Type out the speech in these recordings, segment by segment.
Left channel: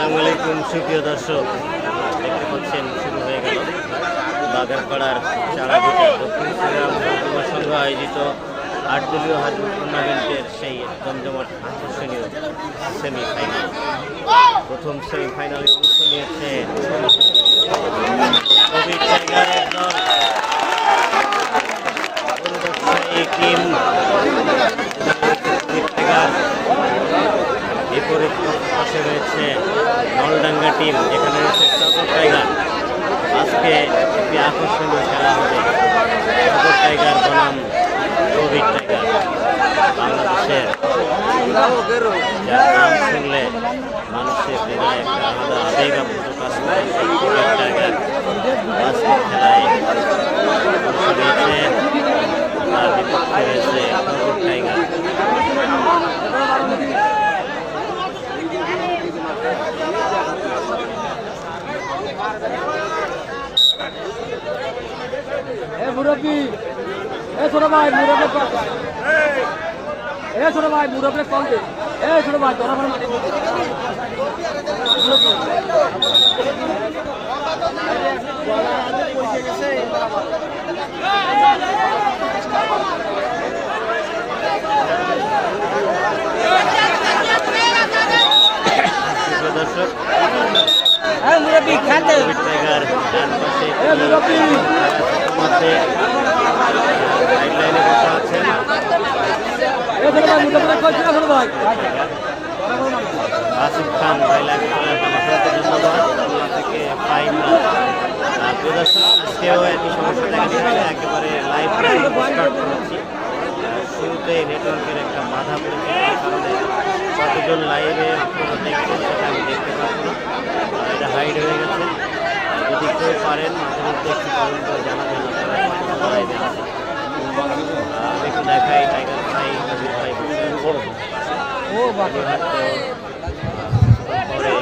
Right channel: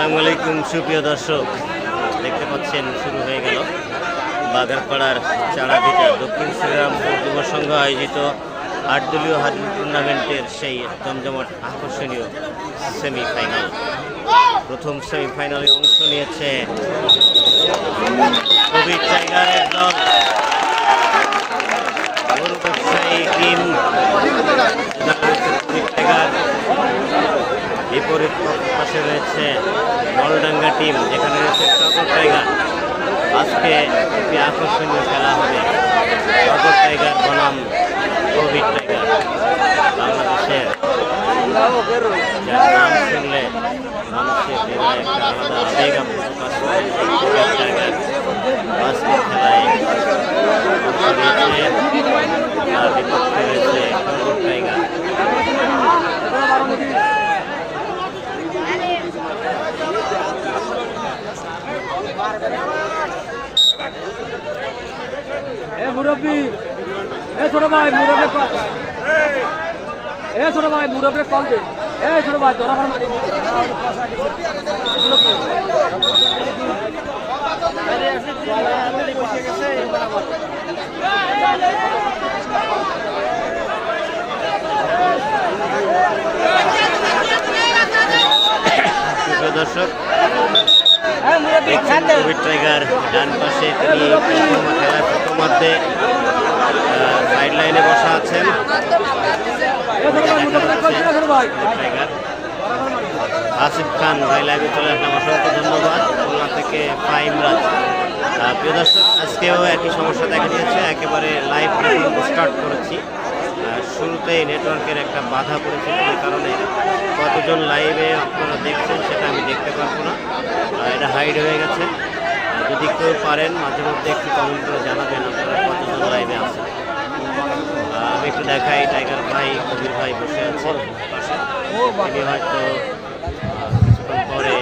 আসসালামু আলাইকুম, সুপ্রিয় দর্শক, দেখতে পাচ্ছেন শুরু হয়ে গেল বাগারপাড়ার চারাভিটায় দক্ষিণ শ্রীরামপুর যুব সংঘ আয়োজিত আট দলীয় হাজির টুর্নামেন্টের সেই জমজমাট আকর্ষণীয় সেমিফাইনাল। প্রথম সেমিফাইনালে অংশ নিয়েছে দল। বিপরীত পাশে রয়েছে নলডাঙ্গা টিম যেখানে রয়েছে টগর টাইগার। আজকে একটি আকর্ষণীয় খেলা হবে। টগর টাইগার বনাম কোভিড টাইগার, বাংলাদেশের। যার নাম শুনলে মানুষের হৃদয়ে একটা আলাদা আবেগ আপ্লুত করে এই কোভিড টাইগার। আজকের খেলায় অংশ তার বিপক্ষে রয়েছে টগর টাইগার এ মুরব্বী এ ছোট ভাই মুরব্বী কম এ ছোট ভাই মুরব্বী কম দে এ ছোট ভাই তোরা প্রিয় দর্শক ডান পাশে খেলার ইতিমধ্যে বসা আছেন আসিফ খান ভাই লাইভে অসংখ্য ধন্যবাদ। খুলনা থেকে দর্শক আজকেও একই সমস্যা দেখা দিচ্ছে। একেবারে লাইভ স্টার্ট করেছি। আহ, শুরুতেই নেটওয়ার্কের একটা বাধা পড়েছিল এই কারণে কতজন লাইভে আপনারা দেখছেন সেটা আমি দেখতে পারব না। এটা হাইড হয়ে গেছে। যদি কেউ পারেন মাঝে মধ্যে একটু কমেন্ট করে জানাবেন আপনারা কতজন লাইভে আছেন আমি একটু দেখাই টাইগার ভাই কবির ভাই বসে পাশে। উনি হয়তো পরে।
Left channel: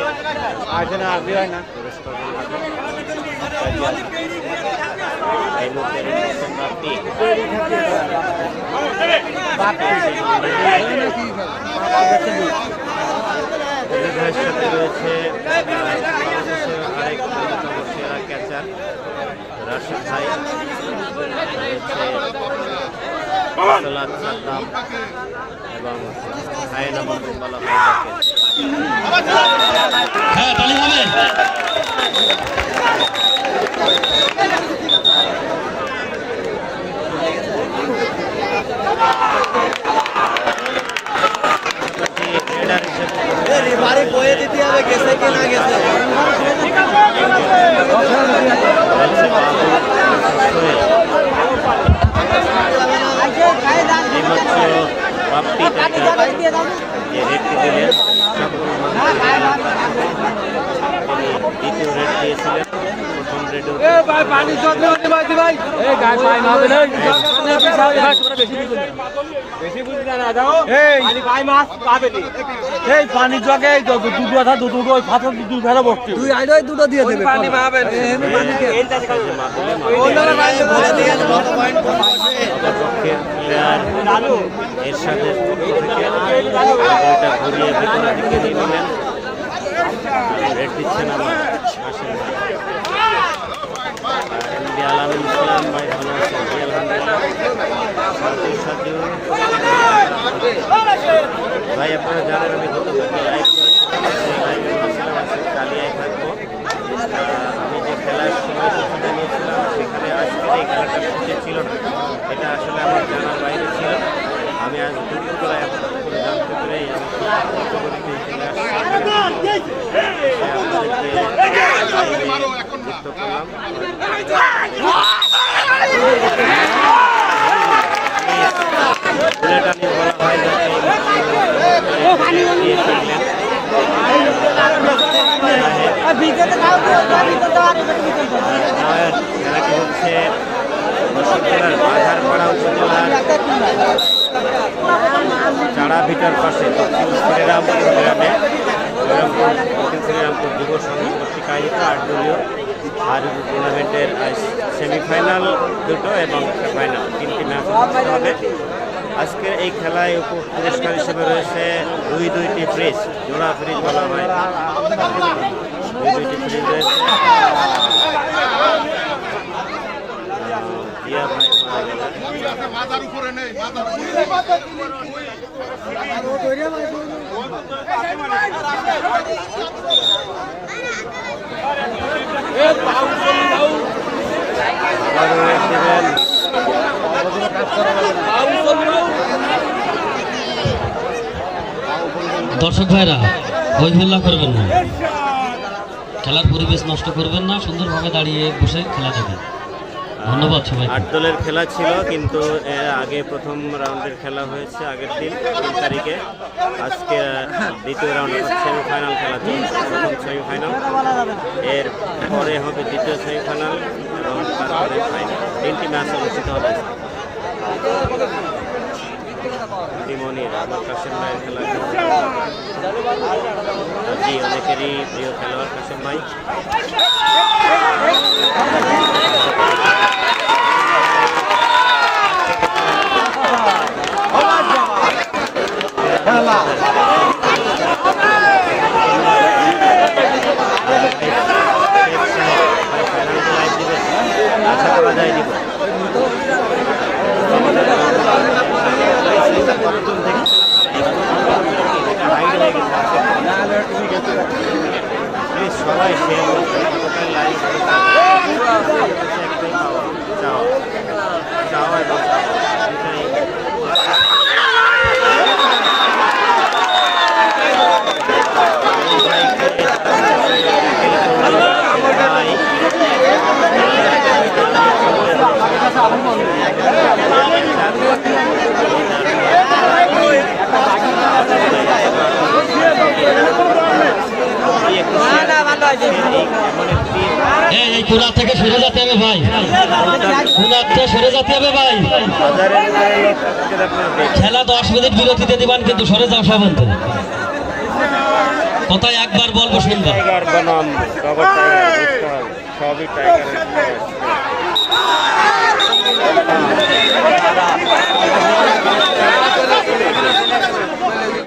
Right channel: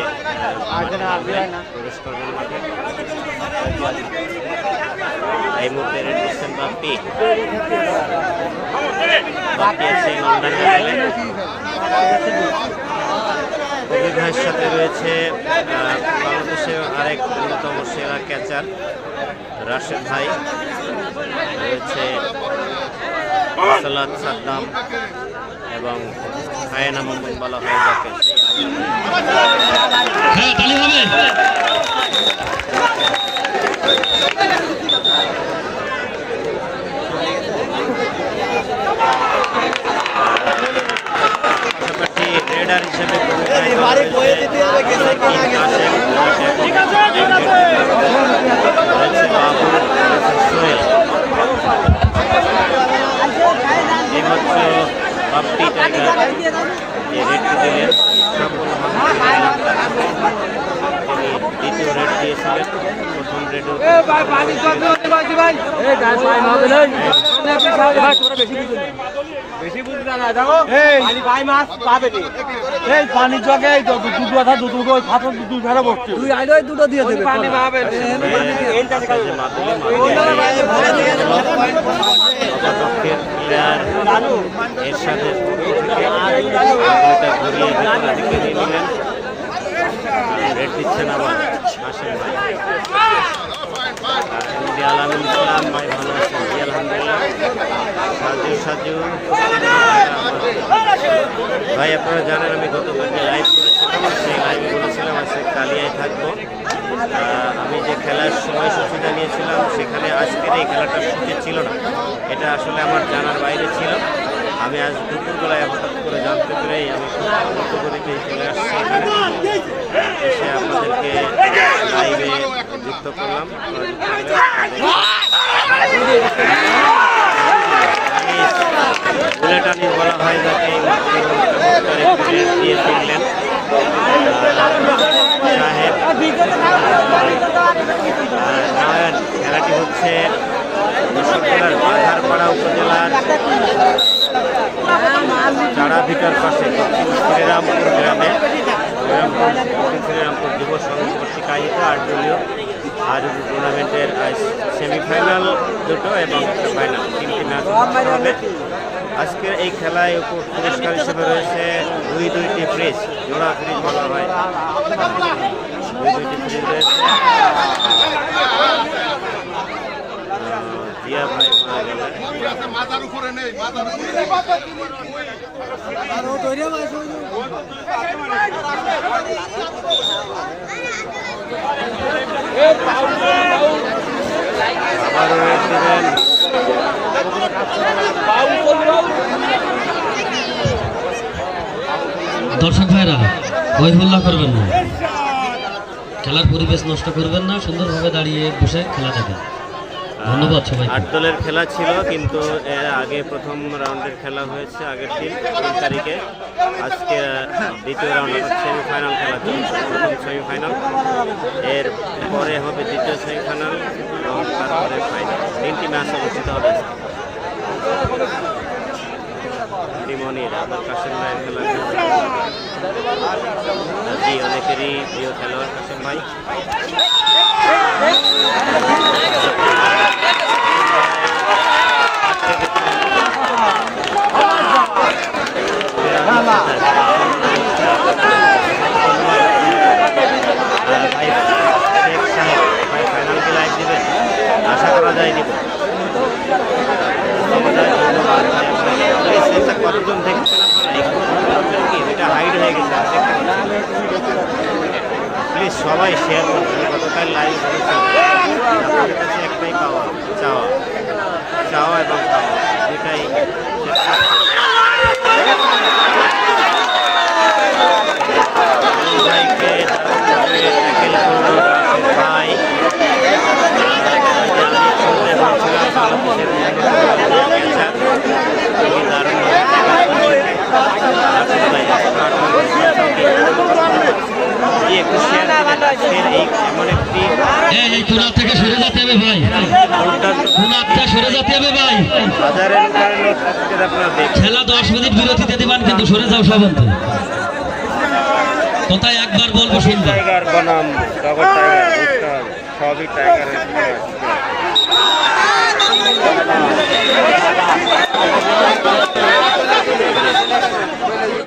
এই মুহূর্তে বাপ্পি আছে কবির ভাইয়ের সাথে রয়েছে বাংলাদেশের আরেক অন্যতম সেরা ক্যাচার রাশেদ ভাই। রয়েছে সালাদ সাদ্দাম এবং হায়না মামুন বলা হয় যাকে হ্যাঁ বাড়ি বয়ে দিতে হবে গেছে কি না গেছে রয়েছে বাবু রয়েছে সোহেল এইমাত্র বাপ্পি টাইগার যে রেডটি দিলেন সকল মানুষের তিনি দ্বিতীয় রেড দিয়েছিলেন প্রথম রেডও এই গায় পাই মারবে না এবার তোরা বেশি বুঝবে না বেশি বুঝবে না দাও এই পাই মাছ পাবে নি এই পানির জগে এই তো দুটো দুটো ওই ফাটল দুটো ধরে বসছে তুই আইলো দুটো দিয়ে দেবে পানি পাবে যে মাদুলি মাদুলি অপরপক্ষের প্লেয়ার এর সাথে ঘুরিয়ে ভিতরের দিকে নিয়ে নিলেন রেড দিচ্ছেন আবার হাসেন ভাই। এমডি আলামিন ইসলাম ভাই ভালো আছেন। জি, আলহামদুলিল্লাহ। সাজু সাজু। ভাই, আপনারা জানেন আমি গত কালকে লাইভ করেছিলাম লাইভে বলেছিলাম আজকে চালিয়ে থাকব। আমি যে খেলার সময়সূচিটা নিয়েছিলাম, সেখানে আজকের এই খেলাটা সুযোগ ছিল না। এটা আসলে আমার বলা হয় খেলাটি হচ্ছে? দর্শক জেলার বাঘারপাড়া উপজেলার চাড়াভিটার পাশে দক্ষিণ শ্রীরামপুর গ্রামে শ্রীরামপুর, দক্ষিণ শ্রীরামপুর যুব সংঘ কর্তৃক আয়োজিত আট দলীয় আর টুর্নামেন্টের সেমিফাইনাল দুটো এবং একটা ফাইনাল তিনটি ম্যাচ অনুষ্ঠিত হবে। আজকের এই খেলায় পুরস্কার হিসেবে রয়েছে দুই দুইটি ফ্রিজ জোড়া ফ্রিজ বলা হয়। দুই দুইটি ফ্রিজ রয়েছে। জিয়া ভাই গেলেন আবারও দর্শক ভাইরা হল্লা করবেন না। খেলার পরিবেশ নষ্ট করবেন না, সুন্দরভাবে দাঁড়িয়ে বসে খেলা দেখেন। আট দলের খেলা ছিল, কিন্তু এর আগে প্রথম রাউন্ডের খেলা হয়েছে আগের দিন, তিন তারিখে। আজকে দ্বিতীয় রাউন্ড অর্থাৎ সেমিফাইনাল খেলা চলছে, প্রথম সেমিফাইনাল। এর পরে হবে দ্বিতীয় সেমিফাইনাল এবং তারপরে ফাইনাল তিনটি ম্যাচ অনুষ্ঠিত হবে। টিমনির, আমার কাশেম ভাইয়ের খেলা জি, অনেকেরই প্রিয় খেলোয়াড় কাশেম ভাই। দিবেন আশা করা যায় দিব। সবাই চাওয়া চাওয়া এটাই ভাইকে ভাই এমন একটি এই এই পুরা থেকে সরে যেতে হবে ভাই। পুরা থেকে সরে যেতে হবে ভাই। খেলা দশ মিনিট বিরতিতে দিবেন কিন্তু সরে যাও সাবন্ত কোথায় একবার বলব শুনব টাইগার বনাম টাইগার সবই টাইগারের Thank you.